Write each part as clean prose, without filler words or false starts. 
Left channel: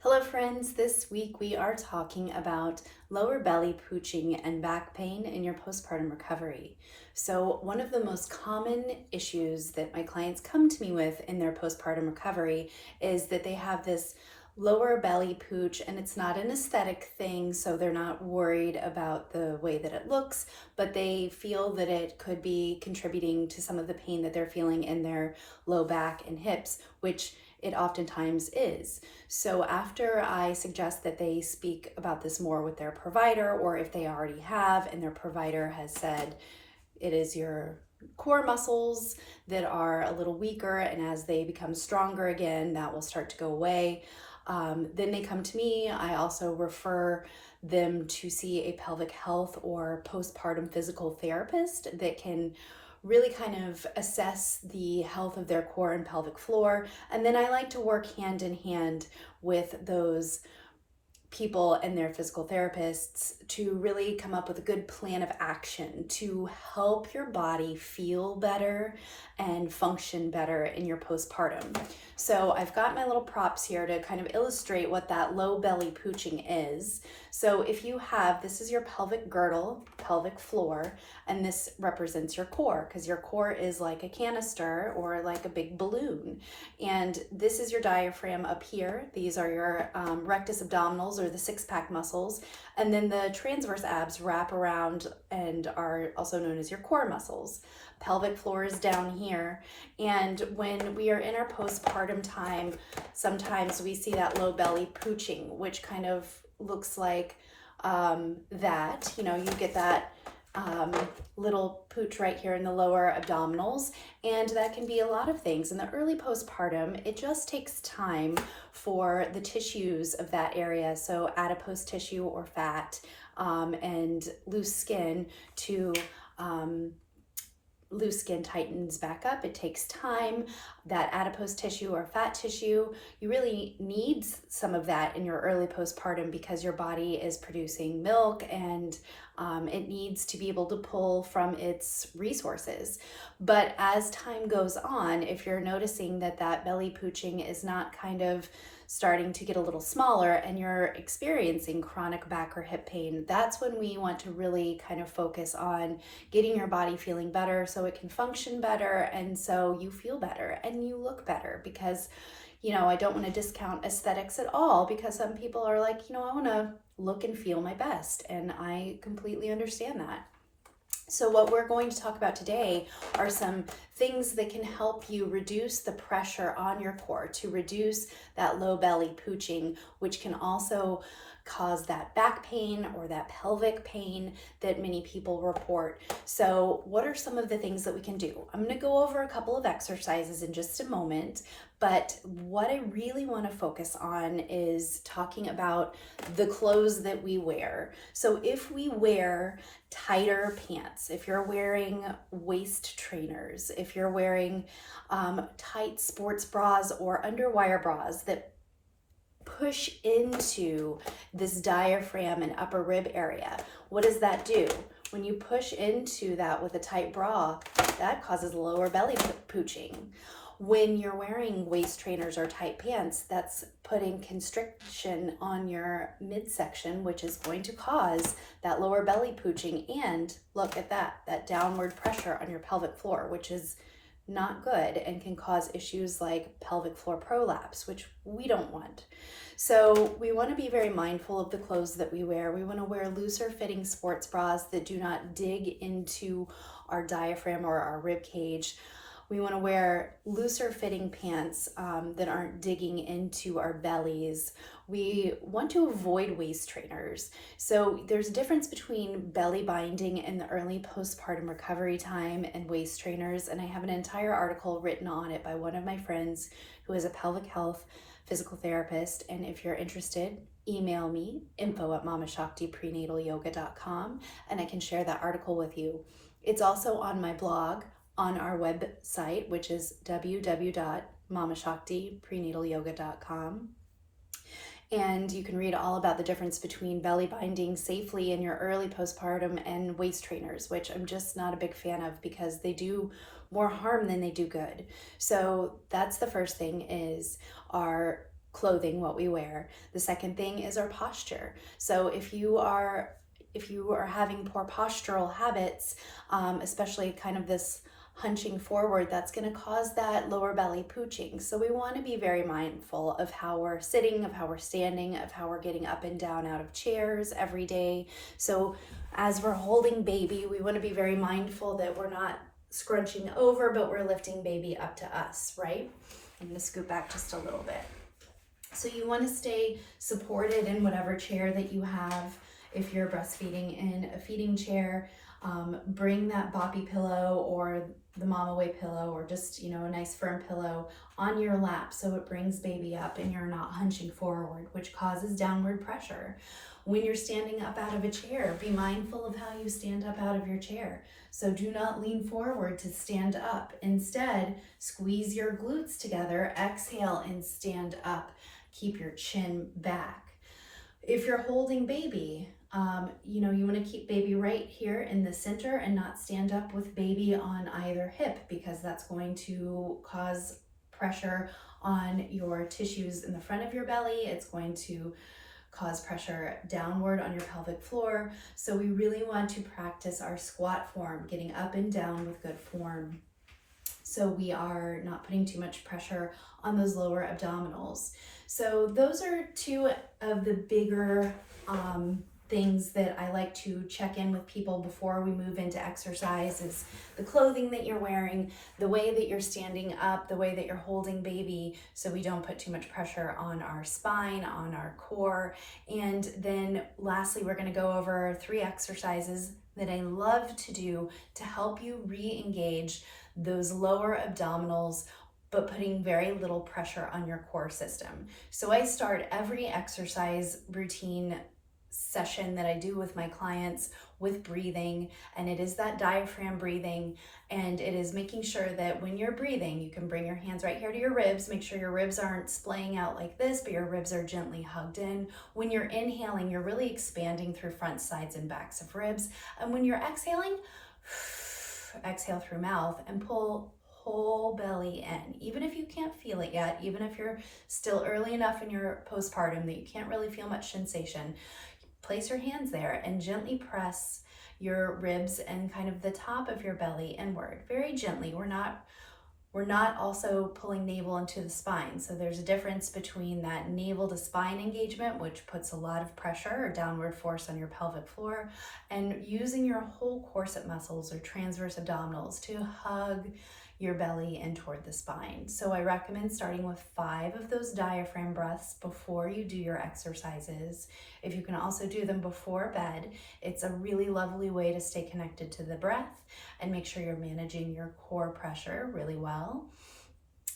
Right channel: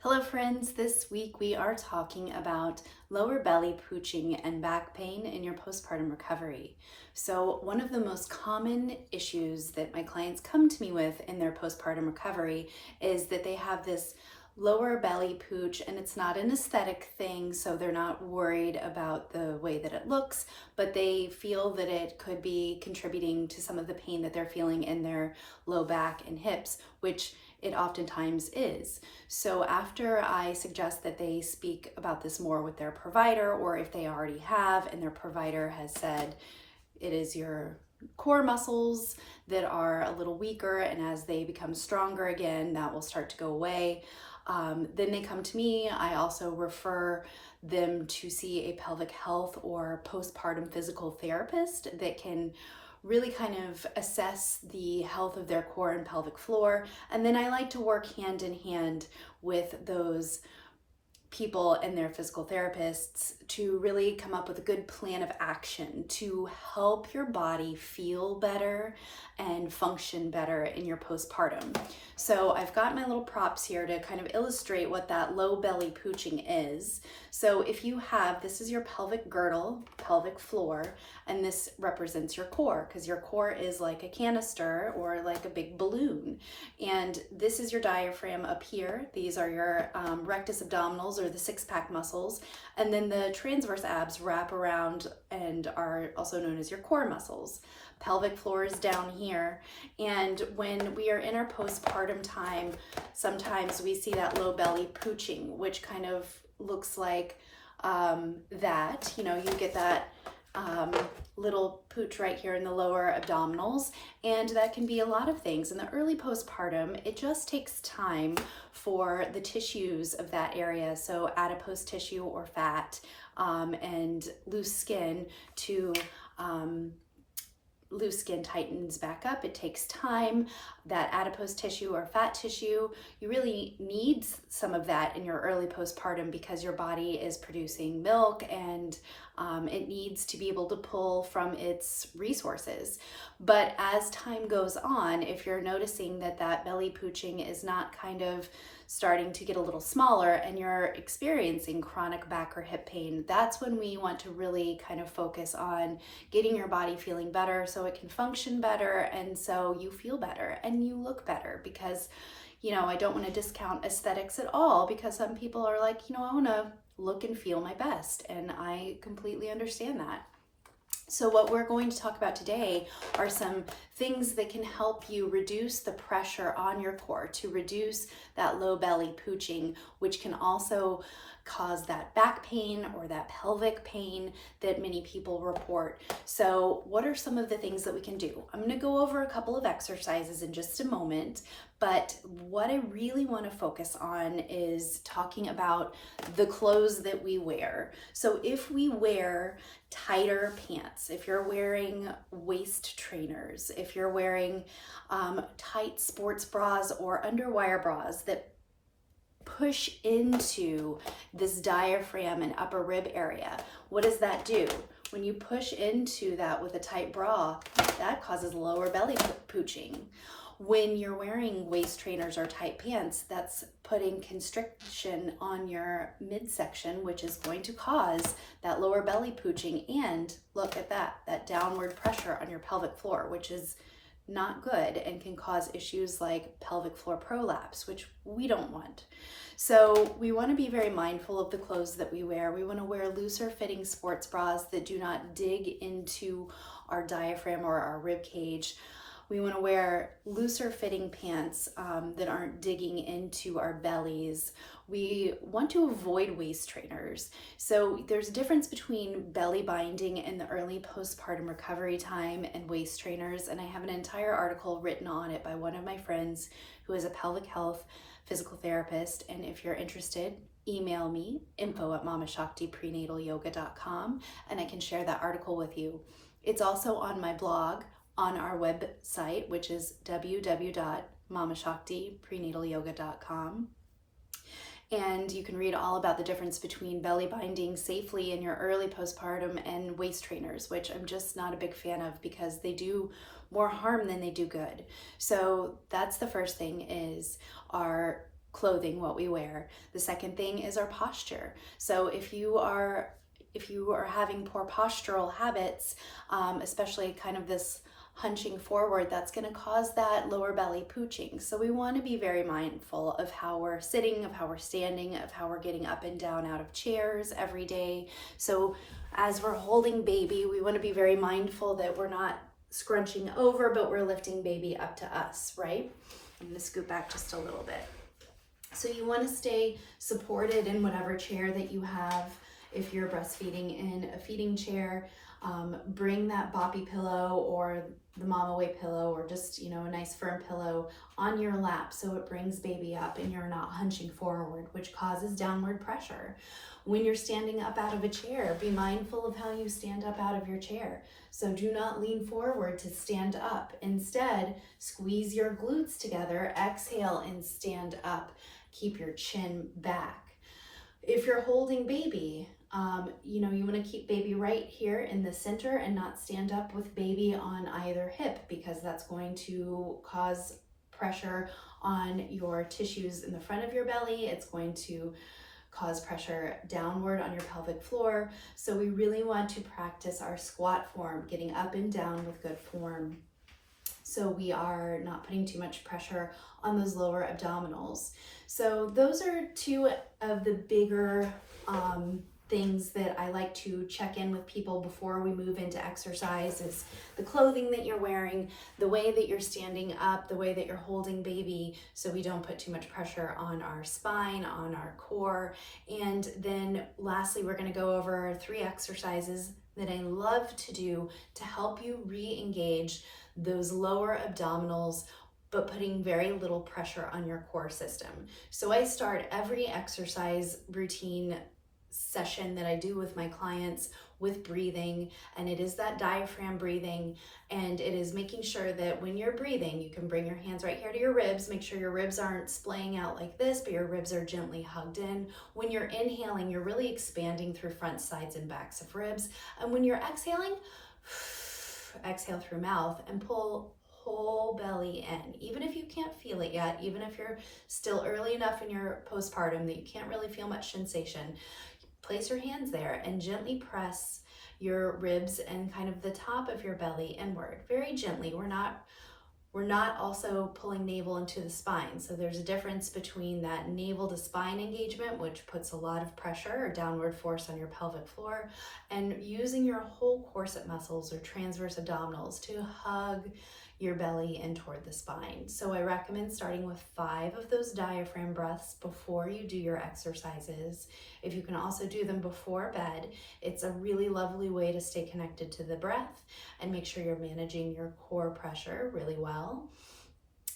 Hello friends, this week we are talking about lower belly pooching and back pain in your postpartum recovery. So one of the most common issues that my clients come to me with in their postpartum recovery is that they have this lower belly pooch, and it's not an aesthetic thing, so they're not worried about the way that it looks, but they feel that it could be contributing to some of the pain that they're feeling in their low back and hips, which it oftentimes is. So after I suggest that they speak about this more with their provider, or if they already have and their provider has said it is your core muscles that are a little weaker, and as they become stronger again, that will start to go away. Then they come to me. I also refer them to see a pelvic health or postpartum physical therapist that can really kind of assess the health of their core and pelvic floor. And then I like to work hand in hand with those people and their physical therapists to really come up with a good plan of action to help your body feel better and function better in your postpartum. So I've got my little props here to kind of illustrate what that low belly pooching is. So if you have, this is your pelvic girdle, pelvic floor, and this represents your core, because your core is like a canister or like a big balloon. And this is your diaphragm up here. These are your rectus abdominals, or the six-pack muscles. And then the transverse abs wrap around and are also known as your core muscles. Pelvic floor is down here. And when we are in our postpartum time, sometimes we see that low belly pooching, which kind of looks like that. You know, you get that little pooch right here in the lower abdominals, and that can be a lot of things. In the early postpartum, it just takes time for the tissues of that area, so adipose tissue or fat, and loose skin tightens back up. It takes time. That adipose tissue or fat tissue, you really need some of that in your early postpartum because your body is producing milk, and it needs to be able to pull from its resources. But as time goes on, if you're noticing that that belly pooching is not kind of starting to get a little smaller and you're experiencing chronic back or hip pain, that's when we want to really kind of focus on getting your body feeling better so it can function better, and so you feel better and you look better. Because, you know, I don't want to discount aesthetics at all, because some people are like, you know, I want to look and feel my best, and I completely understand that. So what we're going to talk about today are some things that can help you reduce the pressure on your core, to reduce that low belly pooching, which can also cause that back pain or that pelvic pain that many people report. So what are some of the things that we can do? I'm going to go over a couple of exercises in just a moment, but what I really want to focus on is talking about the clothes that we wear. So if we wear tighter pants, if you're wearing waist trainers, if you're wearing tight sports bras or underwire bras that push into this diaphragm and upper rib area, what does that do? When you push into that with a tight bra, that causes lower belly pooching. When you're wearing waist trainers or tight pants, that's putting constriction on your midsection, which is going to cause that lower belly pooching. And look at that downward pressure on your pelvic floor, which is not good and can cause issues like pelvic floor prolapse, which we don't want. So we want to be very mindful of the clothes that we wear. We want to wear looser fitting sports bras that do not dig into our diaphragm or our rib cage. We want to wear looser fitting pants that aren't digging into our bellies. We want to avoid waist trainers. So there's a difference between belly binding in the early postpartum recovery time and waist trainers, and I have an entire article written on it by one of my friends who is a pelvic health physical therapist. And if you're interested, email me, info@mamashaktiprenatalyoga.com, and I can share that article with you. It's also on my blog on our website, which is www.mamashaktiprenatalyoga.com. And you can read all about the difference between belly binding safely in your early postpartum and waist trainers, which I'm just not a big fan of because they do more harm than they do good. So that's the first thing, is our clothing, what we wear. The second thing is our posture. So if you are having poor postural habits, especially kind of this hunching forward, that's going to cause that lower belly pooching. So we want to be very mindful of how we're sitting, of how we're standing, of how we're getting up and down out of chairs every day. So as we're holding baby, we want to be very mindful that we're not scrunching over, but we're lifting baby up to us, right? I'm going to scoot back just a little bit. So you want to stay supported in whatever chair that you have. If you're breastfeeding in a feeding chair, bring that boppy pillow or the mama way pillow, or just, a nice firm pillow on your lap so it brings baby up and you're not hunching forward, which causes downward pressure. When you're standing up out of a chair, be mindful of how you stand up out of your chair. So do not lean forward to stand up. Instead, squeeze your glutes together, exhale and stand up. Keep your chin back. If you're holding baby, you want to keep baby right here in the center and not stand up with baby on either hip, because that's going to cause pressure on your tissues in the front of your belly. It's going to cause pressure downward on your pelvic floor. So we really want to practice our squat form, getting up and down with good form, so we are not putting too much pressure on those lower abdominals. So those are two of the bigger things that I like to check in with people before we move into exercise. Is the clothing that you're wearing, the way that you're standing up, the way that you're holding baby, so we don't put too much pressure on our spine, on our core. And then lastly, we're going to go over 3 exercises that I love to do to help you re-engage those lower abdominals, but putting very little pressure on your core system. So I start every exercise routine session that I do with my clients with breathing, and it is that diaphragm breathing, and it is making sure that when you're breathing, you can bring your hands right here to your ribs. Make sure your ribs aren't splaying out like this, but your ribs are gently hugged in. When you're inhaling, you're really expanding through front, sides, and backs of ribs, and when you're exhaling, exhale through mouth and pull whole belly in. Even if you can't feel it yet, even if you're still early enough in your postpartum that you can't really feel much sensation, place your hands there and gently press your ribs and kind of the top of your belly inward, very gently. We're not also pulling navel into the spine. So there's a difference between that navel to spine engagement, which puts a lot of pressure or downward force on your pelvic floor, and using your whole corset muscles or transverse abdominals to hug your belly in toward the spine. So I recommend starting with 5 of those diaphragm breaths before you do your exercises. If you can also do them before bed, it's a really lovely way to stay connected to the breath and make sure you're managing your core pressure really well.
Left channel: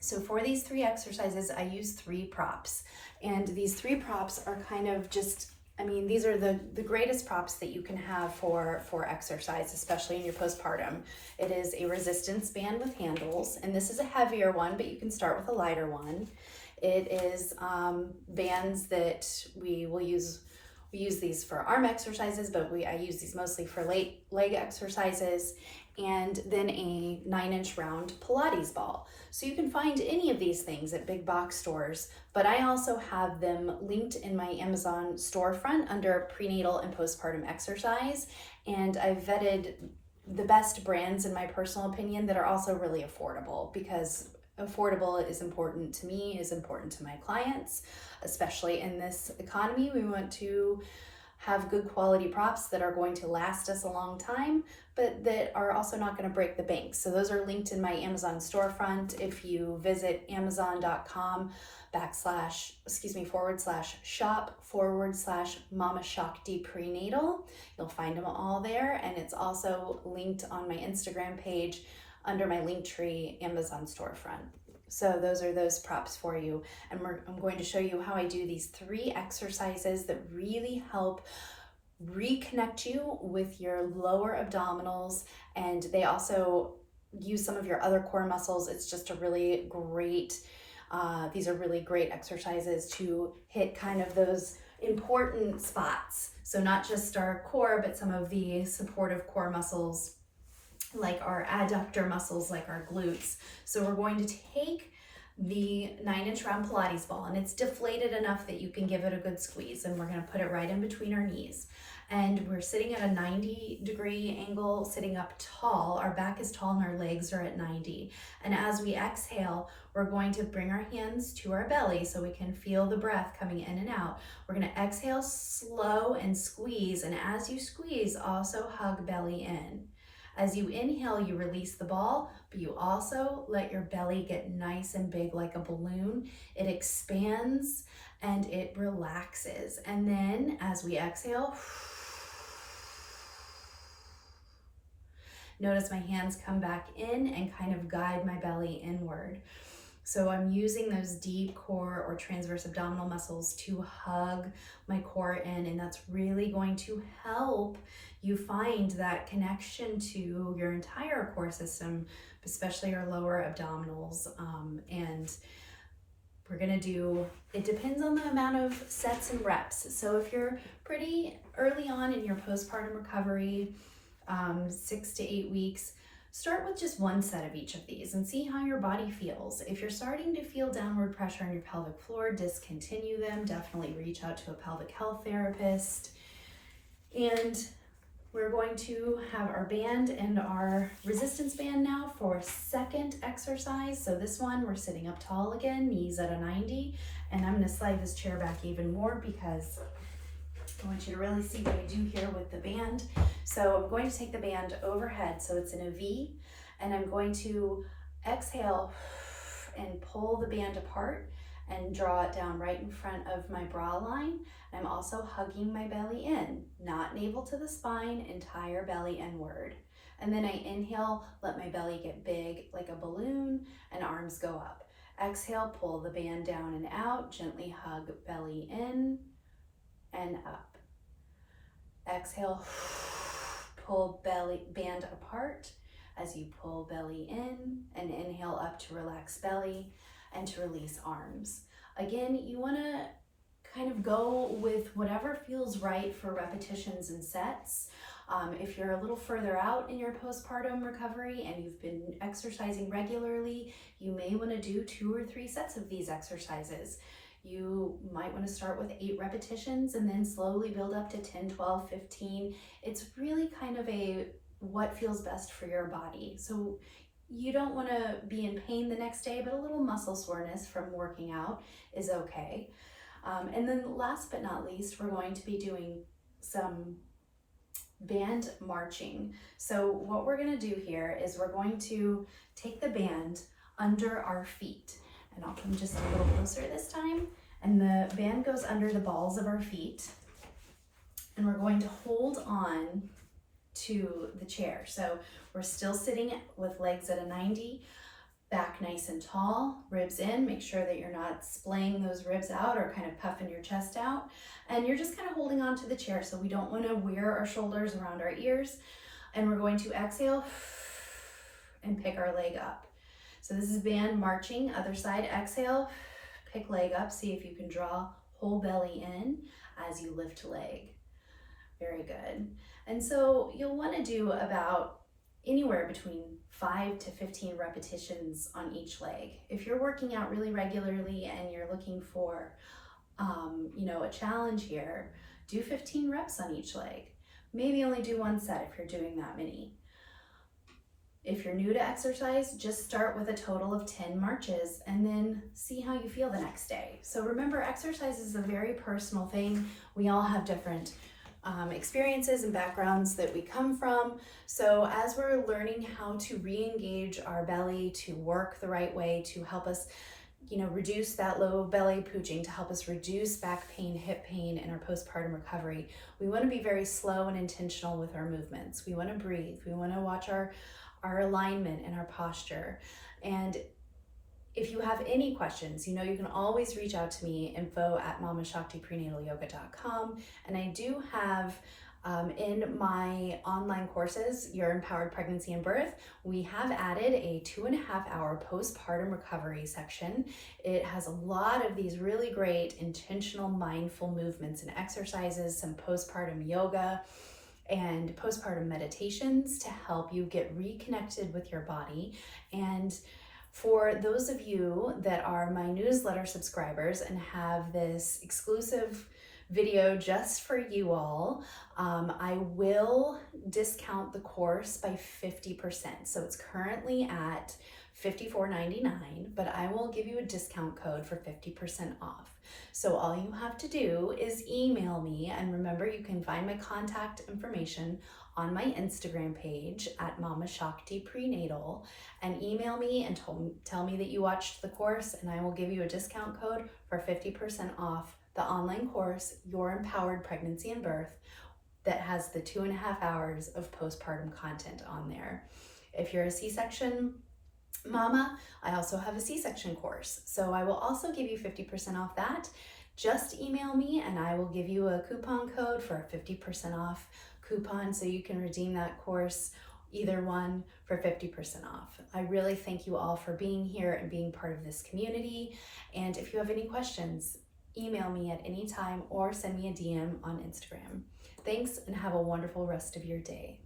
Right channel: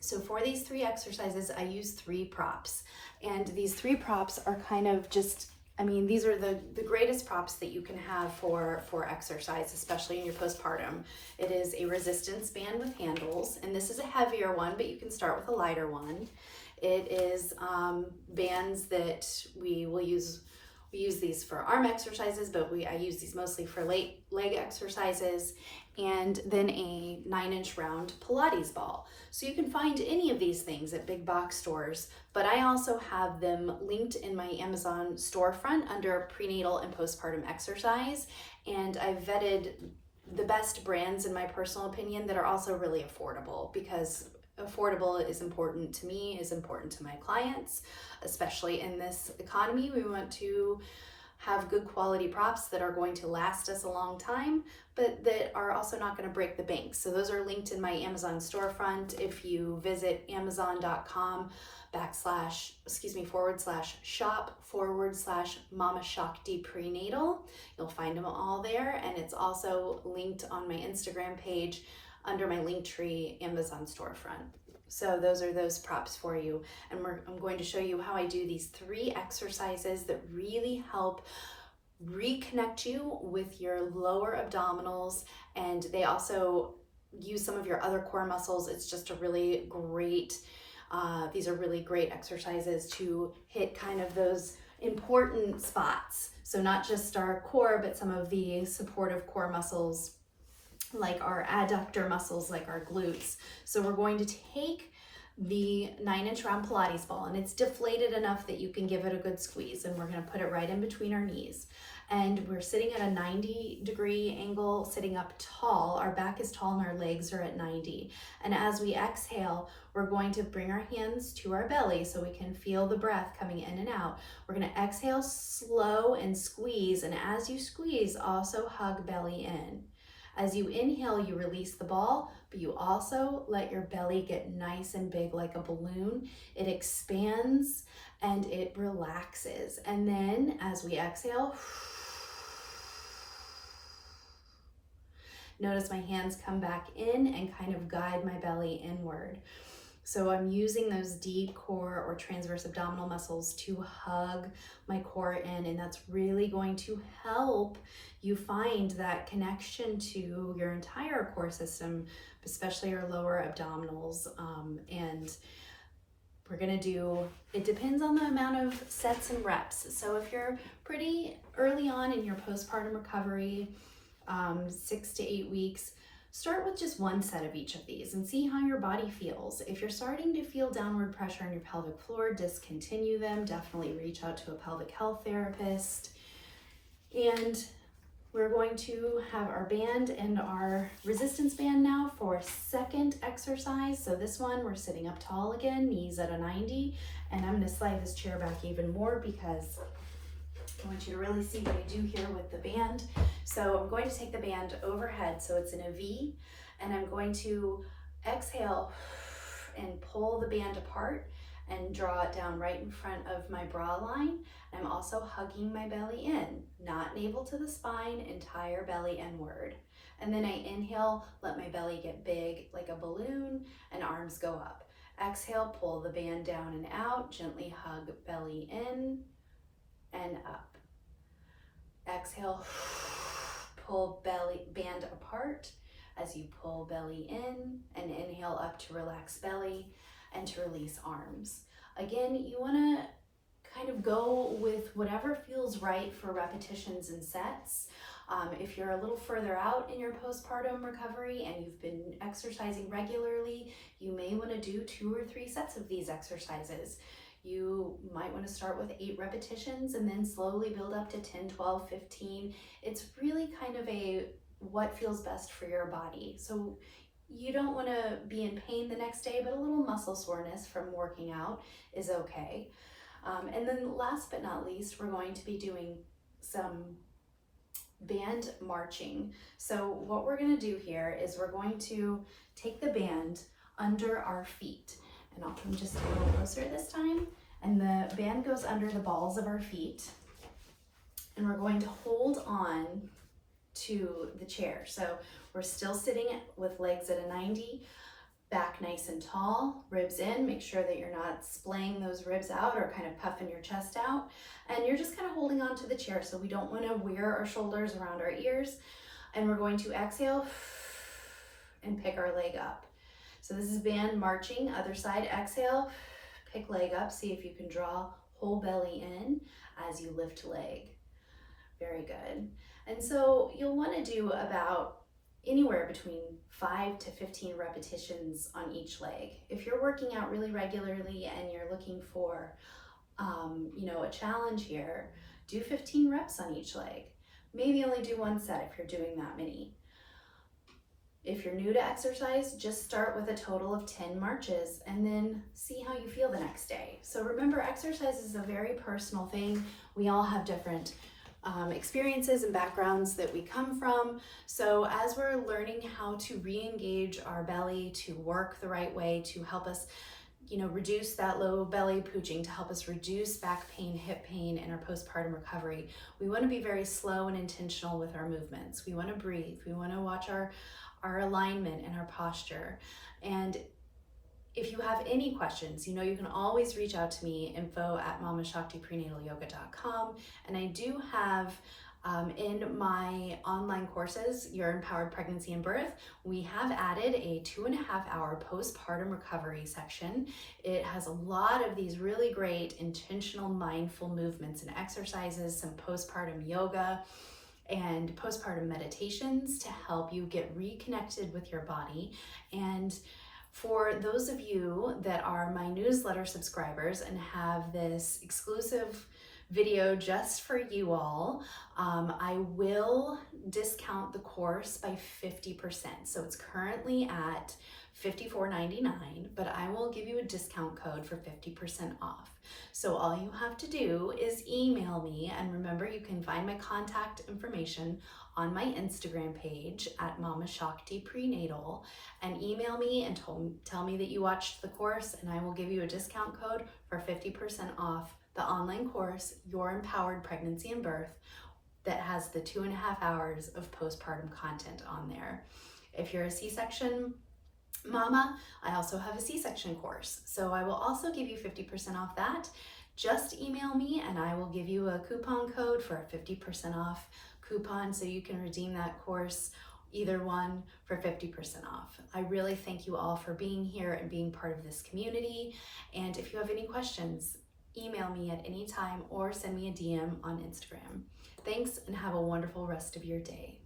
So for these 3 exercises, I use 3 props. And these 3 props are kind of just, these are the greatest props that you can have for exercise, especially in your postpartum. It is a resistance band with handles, and this is a heavier one, but you can start with a lighter one. It is bands that we will use. We use these for arm exercises, but I use these mostly for leg exercises, and then a 9-inch round Pilates ball. So you can find any of these things at big box stores, but I also have them linked in my Amazon storefront under prenatal and postpartum exercise. And I've vetted the best brands, in my personal opinion, that are also really affordable, because affordable is important to me, is important to my clients, especially in this economy. We want to have good quality props that are going to last us a long time, but that are also not going to break the bank. So those are linked in my Amazon storefront. If you visit amazon.com /shop/Mama Shakti Prenatal, you'll find them all there. And it's also linked on my Instagram page under my Linktree Amazon storefront. So those are those props for you. And I'm going to show you how I do these 3 exercises that really help reconnect you with your lower abdominals, and they also use some of your other core muscles. It's just a really great, these are really great exercises to hit kind of those important spots. So not just our core, but some of the supportive core muscles, like our adductor muscles, like our glutes. So we're going to take the 9-inch round Pilates ball, and it's deflated enough that you can give it a good squeeze, and we're going to put it right in between our knees. And we're sitting at a 90-degree angle, sitting up tall. Our back is tall and our legs are at 90. And as we exhale, we're going to bring our hands to our belly so we can feel the breath coming in and out. We're going to exhale slow and squeeze. And as you squeeze, also hug belly in. As you inhale, you release the ball, but you also let your belly get nice and big like a balloon. It expands and it relaxes. And then as we exhale, notice my hands come back in and kind of guide my belly inward. So I'm using those deep core or transverse abdominal muscles to hug my core in, and that's really going to help you find that connection to your entire core system, especially your lower abdominals. And we're gonna do, it depends on the amount of sets and reps. So if you're pretty early on in your postpartum recovery, 6 to 8 weeks, start with just one set of each of these and see how your body feels. If you're starting to feel downward pressure on your pelvic floor, discontinue them. Definitely reach out to a pelvic health therapist. And we're going to have our band and our resistance band now for second exercise. So this one, we're sitting up tall again, knees at a 90, and I'm gonna slide this chair back even more because I want you to really see what we do here with the band. So I'm going to take the band overhead, so it's in a V, and I'm going to exhale and pull the band apart and draw it down right in front of my bra line. I'm also hugging my belly in, not navel to the spine, entire belly inward. And then I inhale, let my belly get big like a balloon, and arms go up. Exhale, pull the band down and out, gently hug belly in and up. Exhale, pull band apart as you pull belly in, and inhale up to relax belly and to release arms. Again, you wanna kind of go with whatever feels right for repetitions and sets. If you're a little further out in your postpartum recovery and you've been exercising regularly, you may wanna do 2 or 3 sets of these exercises. You might want to start with 8 repetitions and then slowly build up to 10, 12, 15. It's really kind of a what feels best for your body. So you don't want to be in pain the next day, but a little muscle soreness from working out is okay. And then last but not least, we're going to be doing some band marching. So what we're going to do here is we're going to take the band under our feet. And I'll come just a little closer this time. And the band goes under the balls of our feet. And we're going to hold on to the chair. So we're still sitting with legs at a 90, back nice and tall, ribs in. Make sure that you're not splaying those ribs out or kind of puffing your chest out. And you're just kind of holding on to the chair. So we don't want to wear our shoulders around our ears. And we're going to exhale and pick our leg up. So this is band marching, other side, exhale, pick leg up, see if you can draw whole belly in as you lift leg. Very good. And so you'll want to do about anywhere between 5 to 15 repetitions on each leg. If you're working out really regularly and you're looking for, a challenge here, do 15 reps on each leg. Maybe only do 1 set if you're doing that many. If you're new to exercise, just start with a total of 10 marches and then see how you feel the next day. So remember, exercise is a very personal thing. We all have different experiences and backgrounds that we come from. So as we're learning how to re-engage our belly to work the right way to help us, reduce that low belly pooching, to help us reduce back pain, hip pain in our postpartum recovery, we want to be very slow and intentional with our movements. We want to breathe. We want to watch our alignment and our posture. And if you have any questions, you can always reach out to me, info@mamashaktiprenatalyoga.com. And I do have in my online courses, Your Empowered Pregnancy and Birth, we have added a 2.5-hour postpartum recovery section. It has a lot of these really great intentional mindful movements and exercises, some postpartum yoga, and postpartum meditations to help you get reconnected with your body and For those of you that are my newsletter subscribers and have this exclusive video just for you all, I will discount the course by 50%. So it's currently at $54.99, but I will give you a discount code for 50% off. So all you have to do is email me, and remember, you can find my contact information on my Instagram page at Mama Shakti Prenatal, and email me and tell me that you watched the course, and I will give you a discount code for 50% off the online course, Your Empowered Pregnancy and Birth, that has the 2.5 hours of postpartum content on there. If you're a C-section mama, I also have a C-section course, so I will also give you 50% off that. Just email me and I will give you a coupon code for a 50% off coupon, so you can redeem that course, either one, for 50% off. I really thank you all for being here and being part of this community. And if you have any questions, email me at any time or send me a DM on Instagram. Thanks, and have a wonderful rest of your day.